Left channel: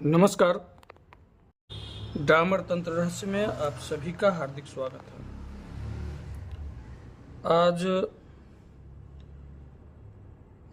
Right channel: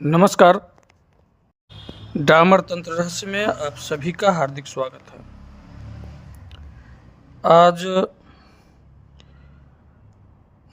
नमस्कार। डामर तंत्र रहस्य में आप सभी का हार्दिक स्वागत है। आज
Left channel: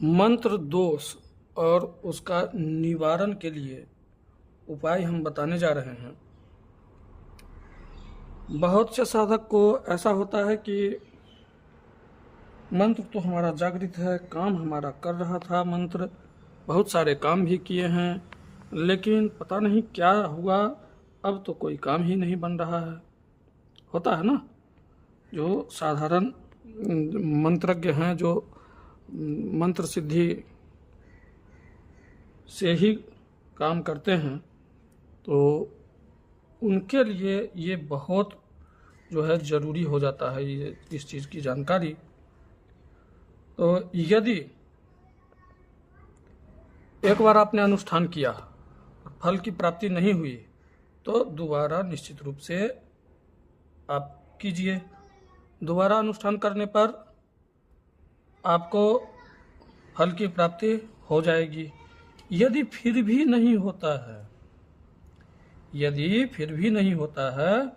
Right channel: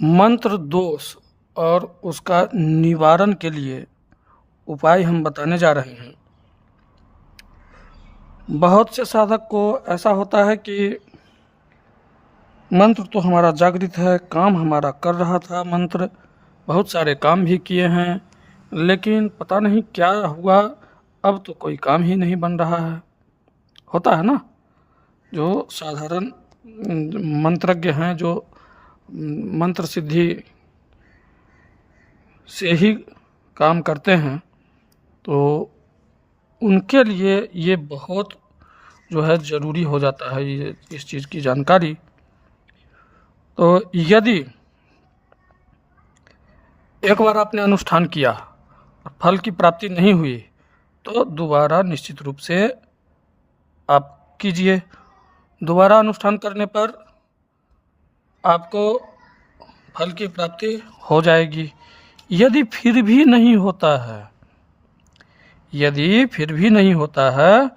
मंत्र दोष और उसका निवारण के लिए उपाय हम बताने जा रहे हैं। बहुत से साधक को ऐसा होता है कि मंत्र तो हमारा जागृत है, काम हमारा कर रहा था, मंत्र बहुत सारे काम भी किए हैं, लेकिन पता नहीं क्या हुआ, अब तो कोई काम ही नहीं बन रहा है। होता है ना, जो साधारण मंत्रज्ञ हैं, जो मंत्र सिद्धि से ही काम करते हैं, तो उनके लिए ये बहुत जो है ज़रूरी हो जाता है ये इस चीज़ की जानकारी। तो यदि एक बार आपने अनुष्ठान किया और फल की प्राप्ति नहीं हुई तो दोबारा निश्चित रूप से आप कीजिए। दोबारा अनुष्ठान करने पर आपको फल की प्राप्ति हो जाएगी। यदि फिर भी नहीं होता है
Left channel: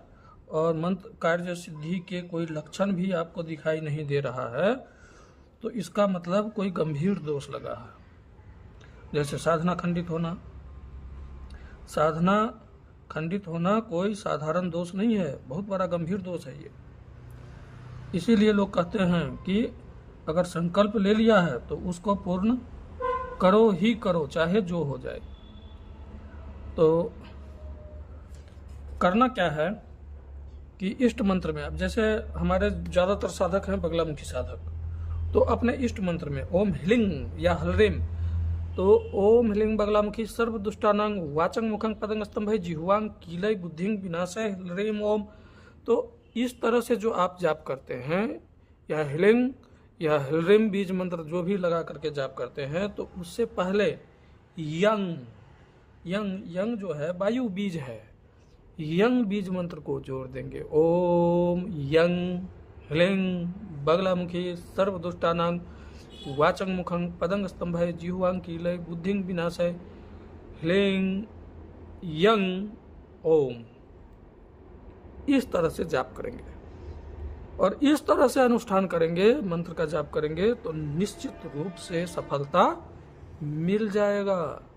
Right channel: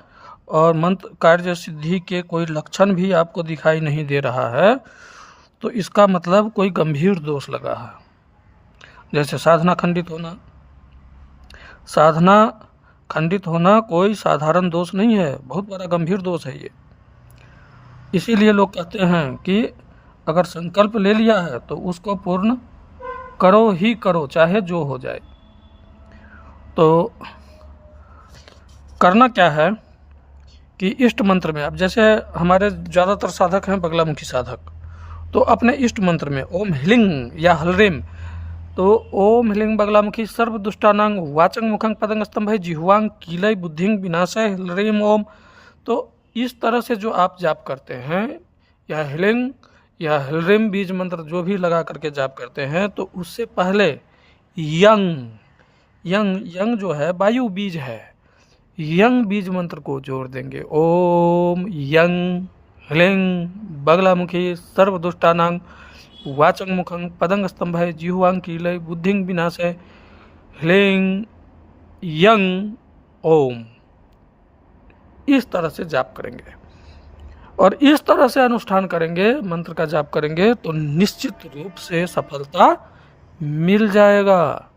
और मंत्र कार्य सिद्धि के कोई लक्षण भी आपको दिखाई नहीं दे रहा है, तो इसका मतलब कोई गंभीर दोष लगा है। जैसे साधना खंडित होना कोई साधारण दोष नहीं है, बहुत बड़ा गंभीर दोष है ये। इसीलिए लोग कहते हैं कि अगर संकल्प ले लिया है तो उसको पूर्ण करो ही करो, चाहे जो हो जाए। तो करना क्या है कि इष्ट मंत्र में, अब जैसे हमारे ज़्यादातर साधक हैं बगलामुखी साधक, तो अपने इष्ट मंत्र में ओम ह्लिंग या हलरेम, तो ओम ह्लिंग बगलामुखी सर्व दुष्टानांग वाचंग मुखंग पदंग स्तंभय जिह्वांग कीलय बुद्धिंग विनाशय हलरेम ओम। तो इस तरह से जो आप जाप करते हैं, या ह्लिंग या हलरेम बीज मंत्र जो भी लगा करके जाप करते हैं, तो उससे पहले यंग जो है वायु बीज है, यंग बीज मंत्र को जोड़ देंगे। ओम यंग ह्लिंग बगलामुखी सर्व दुष्टानांग वाचंग मुखंग पदंग स्तंभय जिह्वांग कीलय बुद्धिंग विनाशय ह्लिंग यंग ओम। इस तरह से जाप करेंगे और इस तरह से अनुष्ठान करेंगे, मंत्र का जाप करेंगे, तो निश्चित रूप से सफलता मिल जाएगा।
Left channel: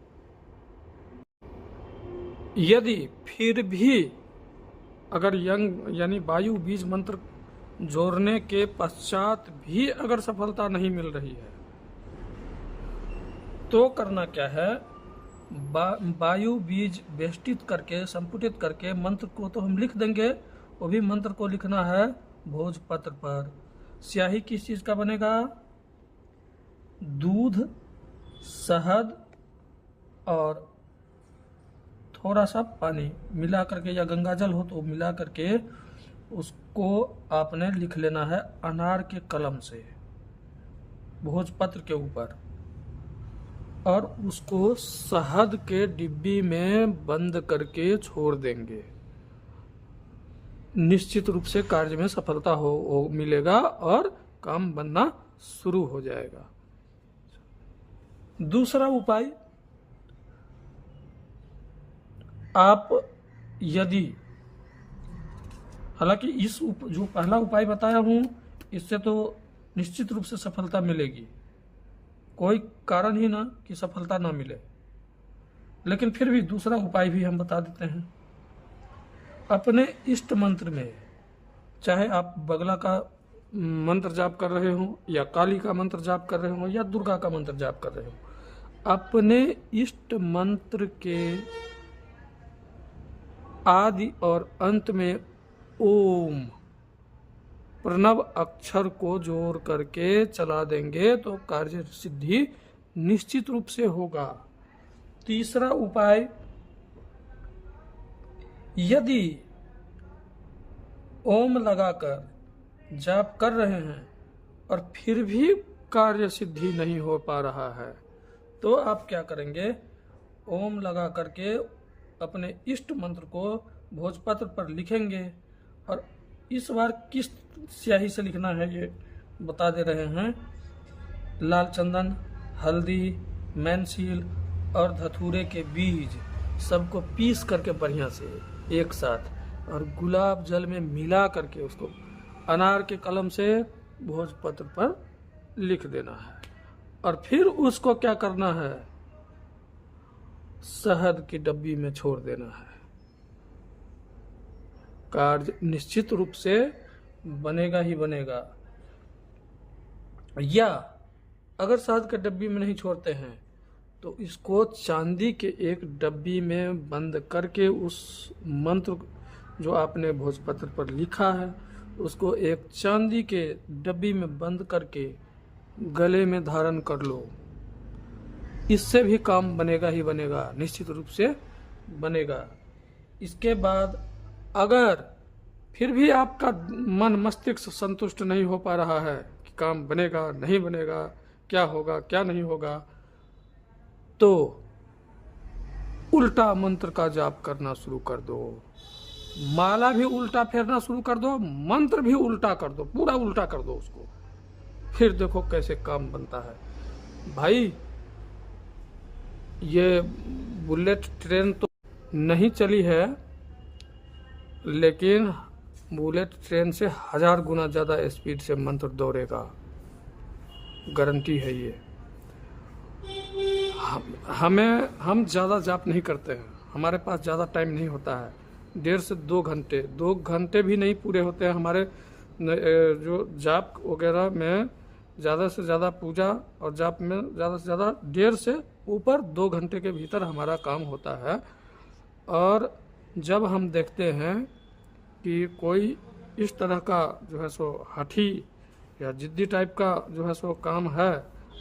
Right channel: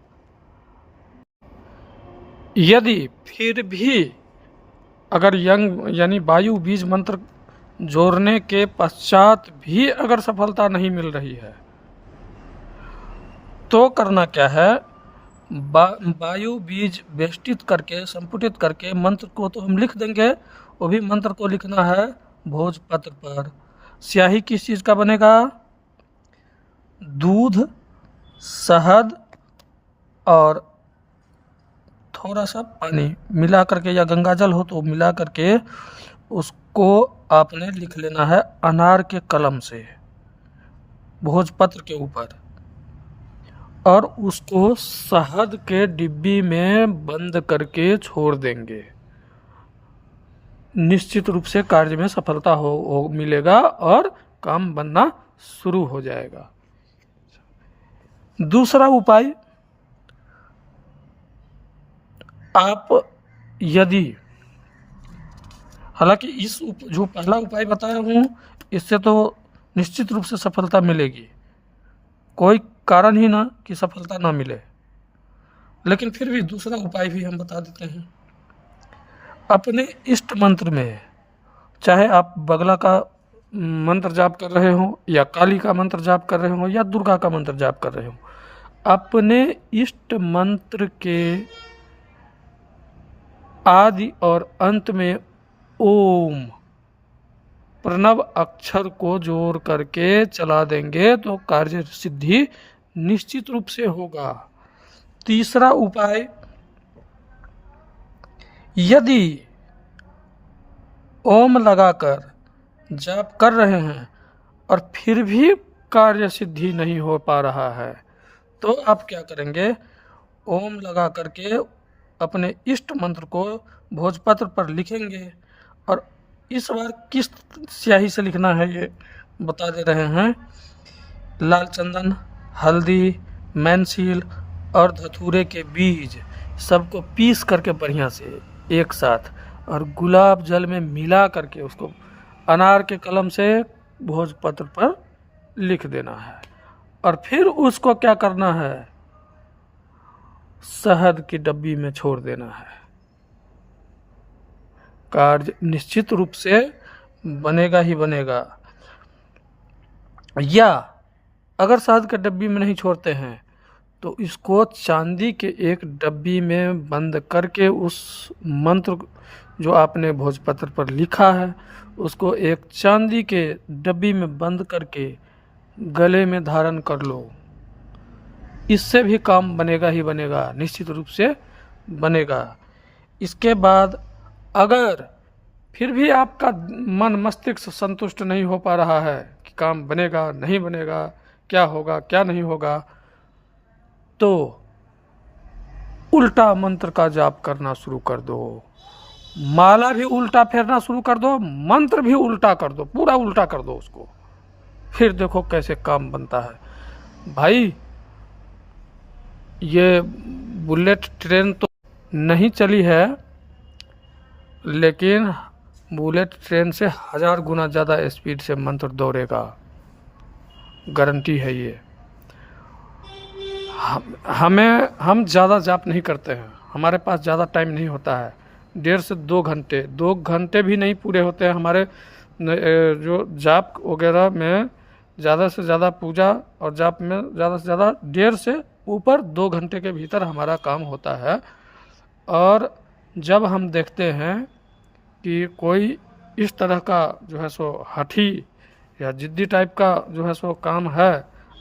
यदि फिर भी अगर यंग यानी वायु बीज मंत्र जोड़ने के पश्चात भी अगर सफलता नहीं मिल रही है, तो करना क्या है, वायु बीज वेष्टित करके संपुटित करके मंत्र को तो हम लिख देंगे, वो भी मंत्र को लिखना है भोजपत्र पर। स्याही किस चीज़ का बनेगा? दूध, शहद और थोड़ा सा पानी मिला करके, या गंगा जल हो तो मिला करके उसको आपने लिख लेना है अनार के कलम से भोजपत्र के ऊपर, और उसको शहद के डिब्बी में बंद करके छोड़ देंगे। निश्चित रूप से कार्य में सफलता हो मिलेगा और काम बनना शुरू हो जाएगा। दूसरा उपाय, आप यदि, हालांकि जो पहला उपाय बताया हूँ इससे तो निश्चित रूप से सफलता मिलेगी, कोई कारण ही ना कि सफलता ना मिले, लेकिन फिर भी दूसरा उपाय भी हम बता देते हैं। अपने इष्ट मंत्र में, चाहे आप बगला का मंत्र जाप कर रहे हो, या काली का मंत्र जाप कर रहे हो, या दुर्गा का मंत्र जाप कर रहे हो, अपने इष्ट मंत्र के आदि और अंत में ओम प्रणव अक्षर को जोड़ करके चला देंगे तो कार्य सिद्धि निश्चित रूप से होगा। तीसरा उपाय, यदि ओम लगाकर जाप कर रहे हैं और फिर भी कार्य सिद्धि नहीं हो पा रहा है, तो आप क्या करेंगे, ओम लगा करके अपने इष्ट मंत्र को भोजपत्र पर लिखेंगे, और इस बार किस स्याही से लिखना है ये बता दे रहे हैं। लाल चंदन, हल्दी, मैनसील और धतूरे के बीज सबको पीस करके बढ़िया से एक साथ और गुलाब जल में मिला करके उसको अनार के कलम से भोजपत्र पर लिख देना है। और फिर उसको क्या करना है, शहद की डब्बी में छोड़ देना है। कार्य निश्चित रूप से बनेगा ही बनेगा। या अगर शहद के डब्बी में नहीं छोड़ते हैं तो इसको चांदी के एक डब्बी में बंद करके उस मंत्र जो आपने भोजपत्र पर लिखा है उसको एक चांदी के डब्बी में बंद करके गले में धारण कर लो। इससे भी काम बनेगा ही बनेगा, निश्चित रूप से बनेगा। इसके बाद अगर फिर भी आपका मन मस्तिष्क संतुष्ट नहीं हो पा रहा है कि काम बनेगा नहीं बनेगा, क्या होगा क्या नहीं होगा, तो उल्टा मंत्र का जाप करना शुरू कर दो। माला भी उल्टा फेरना शुरू कर दो, मंत्र भी उल्टा कर दो, पूरा उल्टा कर दो उसको। फिर देखो कैसे काम बनता है। भाई ये बुलेट ट्रेन तो नहीं चली है, लेकिन बुलेट ट्रेन से 1000 गुना ज़्यादा स्पीड से मंत्र दौड़ेगा, गारंटी है ये। हम ज़्यादा जाप नहीं करते हैं, हमारे पास ज़्यादा टाइम नहीं होता है। 1.5 से 2 घंटे भी नहीं पूरे होते हैं हमारे जो जाप वगैरह में। ज़्यादा से ज़्यादा पूजा और जाप में ज़्यादा से ज़्यादा 1.5 से ऊपर 2 घंटे के भीतर हमारा काम होता है। और जब हम देखते हैं कि कोई इस तरह का जो है सो हठी या जिद्दी टाइप का जो है सो काम है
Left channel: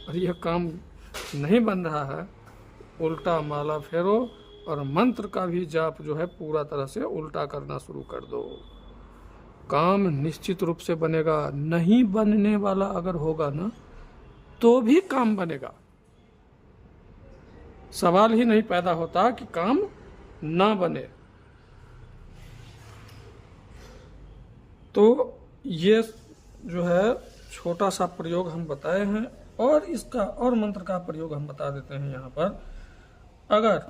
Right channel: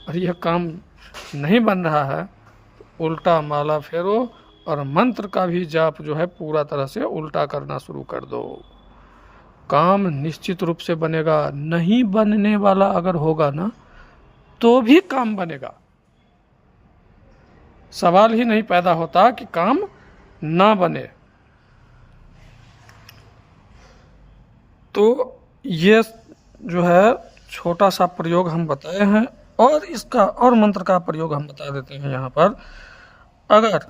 और यह काम नहीं बन रहा है, उल्टा माला फेरो और मंत्र का भी जाप जो है पूरा तरह से उल्टा करना शुरू कर दो। काम निश्चित रूप से बनेगा। नहीं बनने वाला अगर होगा ना तो भी काम बनेगा, सवाल ही नहीं पैदा होता कि काम ना बने। तो ये जो है छोटा सा प्रयोग हम बताए हैं, और इसका और मंत्र का प्रयोग हम बता देते हैं यहाँ पर। अगर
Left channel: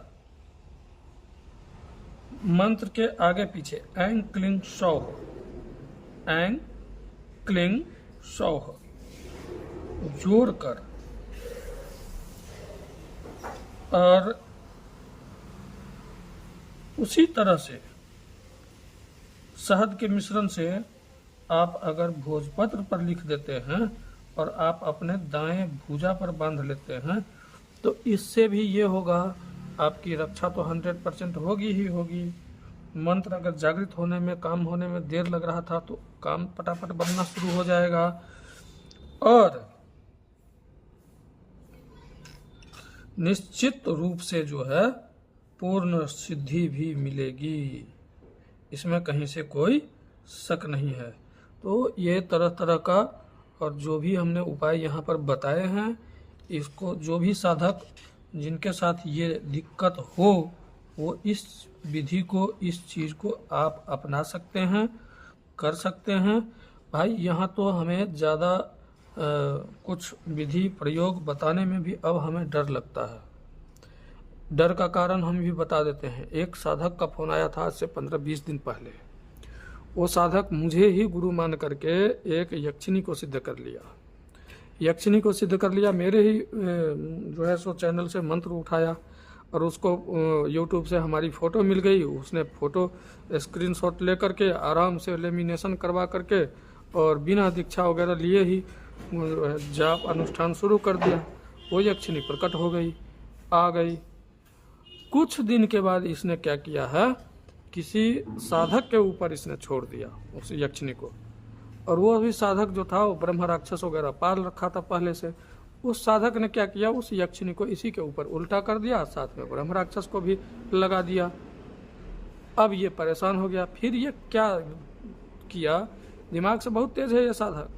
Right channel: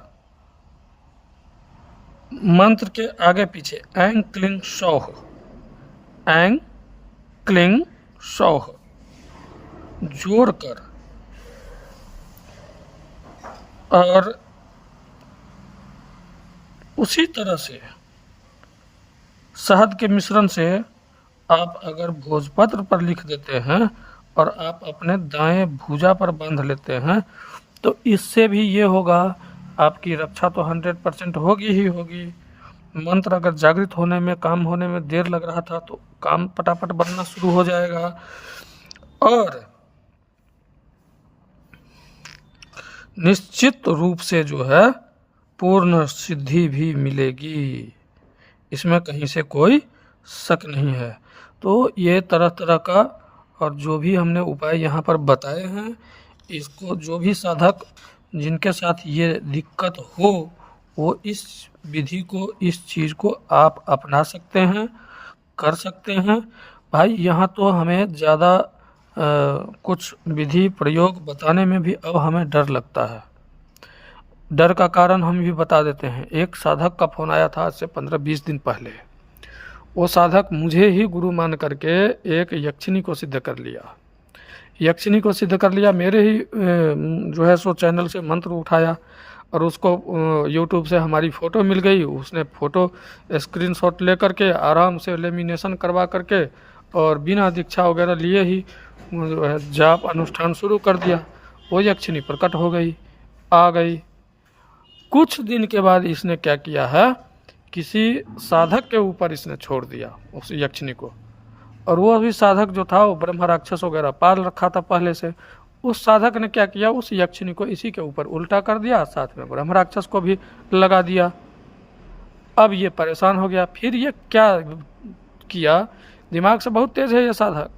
मंत्र के आगे पीछे ऐं क्लीं सौः, ऐं क्लीं सौः जोड़कर और उसी तरह से शहद के मिश्रण से आप अगर भोजपत्र पर लिख देते हैं और आप अपने दाएं भुजा पर बांध लेते हैं तो इससे भी ये होगा, आपकी रक्षा तो 100% होगी ही होगी। मंत्र अगर जागृत होने में, काम होने में देर लग रहा था तो काम फटाफट बनना शुरू हो जाएगा। और निश्चित रूप से जो है पूर्ण सिद्धि भी मिलेगी, इसमें कहीं से कोई शक नहीं है। तो ये तरह तरह का और जो भी हमने उपाय यहाँ पर बताए हैं, इसको जो भी साधक जिनके साथ ये दिक्कत हो वो इस विधि को, इस चीज़ को आप अपना सकते हैं, कर सकते हैं। भाई यहाँ तो हमें ज़्यादा कुछ विधि प्रयोग बताने में भी अब हमें डर लगता है। डर का कारण हम भी बता देते हैं। एक साधक का फ़ोन आया था आज से 15-20 दिन पहले। वो साधक मुझे ही गुरु मान करके एक यक्षिणी को सिद्ध कर लिया, यक्षिणी को सिद्ध कर लिया। मेरे ही जो है सो चैनल से मंत्र उठाया और उसको यूट्यूब से हमारी फ़ोटो मिल गई। उसने फ़ोटो स्क्रीनशॉट ले करके आराम से लेमिनेशन करवा करके और बिना दीक्षा वगैरह लिए ही जाप अनुष्ठान शुरू कर दिया। वो यक्षिणी प्रकट हो गई, आ गई। कुछ दिन के बाद इसने क्या किया है, किसी साधक के ऊपर इसने छोड़ दिया उस यक्षिणी को। और वो अभी साधक जो था वो ब्रह्म राक्षस वगैरह पाल रखा था पहले से। उस साधक ने क्या किया, उस यक्षिणी को इसी के ऊपर उल्टा कर दिया, साथ में ब्रह्म राक्षस को भी लगा दिया। अब ये परेशान हो गया। फिर ये क्या किया, दिमाग से बहुत तेज है ये साधक,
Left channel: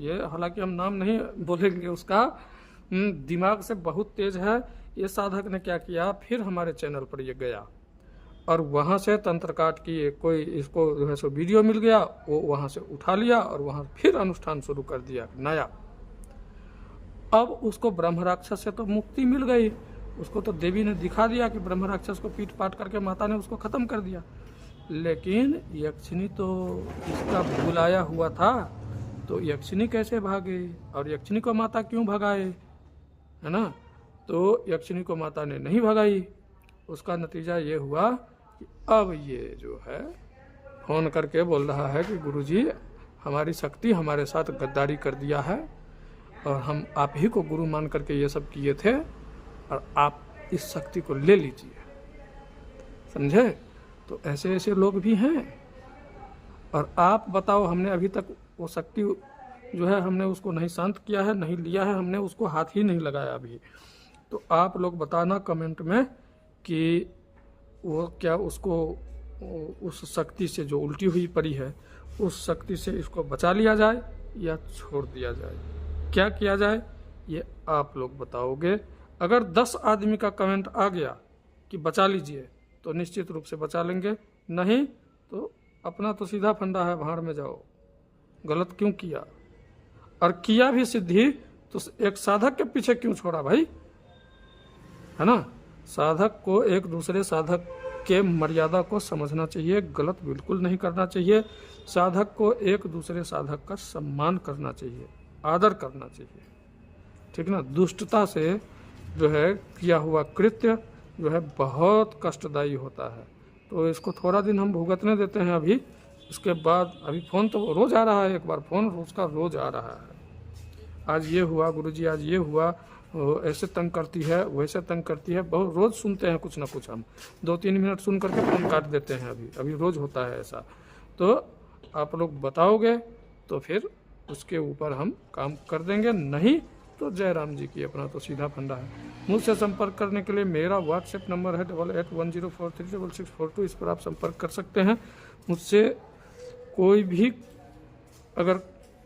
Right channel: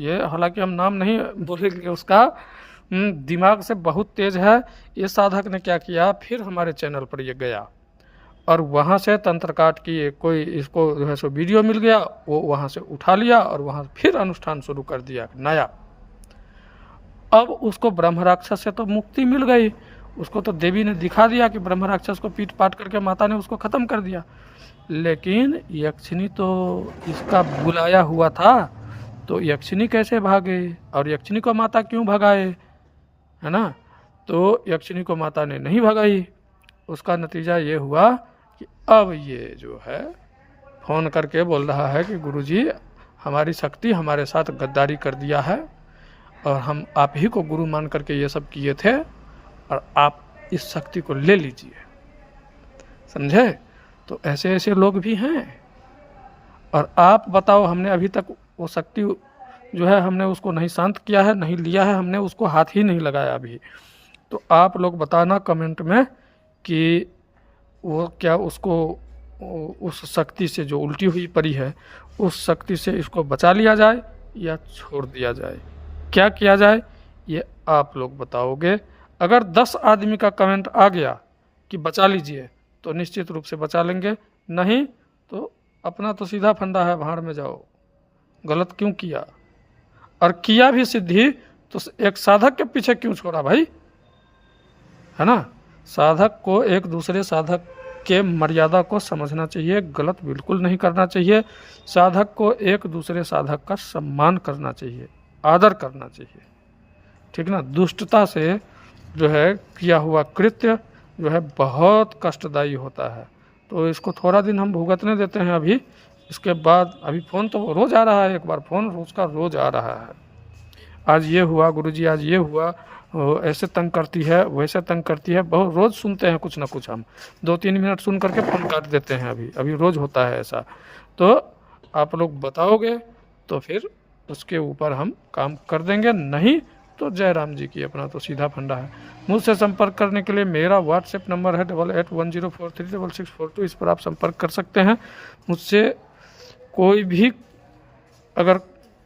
ये हालांकि हम नाम नहीं बोलेंगे उसका, दिमाग से बहुत तेज है ये साधक ने क्या किया, फिर हमारे चैनल पर ये गया और वहाँ से तंत्र काट की कोई इसको जो है सो वीडियो मिल गया, वो वहाँ से उठा लिया और वहाँ फिर अनुष्ठान शुरू कर दिया नया। अब उसको ब्रह्म राक्षस से तो मुक्ति मिल गई, उसको तो देवी ने दिखा दिया कि ब्रह्म राक्षस को पीट पाट करके माता ने उसको ख़त्म कर दिया, लेकिन यक्षिणी तो इसका बुलाया हुआ था, तो यक्षिणी कैसे भागे और यक्षिणी को माता क्यों भगाए, है ना। तो यक्षिणी को माता ने नहीं भगाई, उसका नतीजा ये हुआ कि अब ये जो है फ़ोन करके बोल रहा है कि गुरुजी हमारी शक्ति हमारे साथ गद्दारी कर दिया है और हम आप ही को गुरु मान करके ये सब किए थे और आप इस शक्ति को ले लीजिए, समझे। तो ऐसे ऐसे लोग भी हैं। और आप बताओ, हमने अभी तक वो शक्ति जो है हमने उसको नहीं शांत किया है, नहीं लिया है, हमने उसको हाथ ही नहीं लगाया अभी। तो आप लोग बताना कमेंट में कि वो क्या उसको उस शक्ति से जो उल्टी हुई पड़ी है उस शक्ति से इसको बचा लिया जाए या छोड़ दिया जाए, क्या किया जाए ये आप लोग बताओगे। अगर 10 आदमी का कमेंट आ गया कि बचा लीजिए तो निश्चित रूप से बचा लेंगे, नहीं तो अपना तो सीधा फंडा है, भाड़ में जाओ, गलत क्यों किया। और किया भी सिद्धि तो एक साधक के पीछे क्यों छोड़ा भाई, है ना। साधक को एक दूसरे साधक के मर्यादा को समझना चाहिए, गलत बिल्कुल नहीं करना चाहिए। साधक को एक दूसरे साधक का सम्मान करना चाहिए, आदर करना चाहिए, ठीक ना। दुष्टता से जो है किया हुआ कृत्य जो है बहुत कष्टदायी होता है, तो इसको थोड़ा दिन हम भुगतने देते हैं अभी। इसके बाद अभी फ़ोन तो रोज़ आ रहा है, एक बार फ़ोन उसका रोज़ आ रहा है, आज ये हुआ गुरुजी, आज ये हुआ, ऐसे तंग करती है, वैसे तंग करती है, बहुत रोज़ सुनते हैं कुछ ना कुछ। हम 2-3 मिनट सुन करके फ़ोन काट देते हैं, अभी रोज़ होता है ऐसा। तो आप लोग बताओगे तो फिर उसके ऊपर हम काम कर देंगे, नहीं तो जय राम जी की, अपना तो सीधा फंडा है। मुझसे संपर्क करने के लिए मेरा व्हाट्सएप नंबर है 8810436642, इस पर आप संपर्क कर सकते हैं। मुझसे कोई भी अगर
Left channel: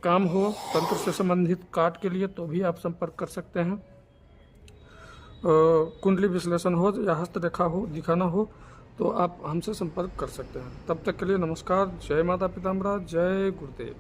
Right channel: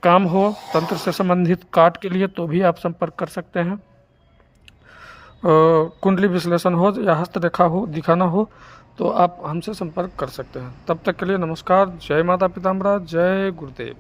काम हो तंत्र से संबंधित काट के लिए तो भी आप संपर्क कर सकते हैं। कुंडली विश्लेषण हो या हस्तरेखा हो दिखाना हो तो आप हमसे संपर्क कर सकते हैं। तब तक के लिए नमस्कार, जय माता पिताम्बरा, जय गुरुदेव।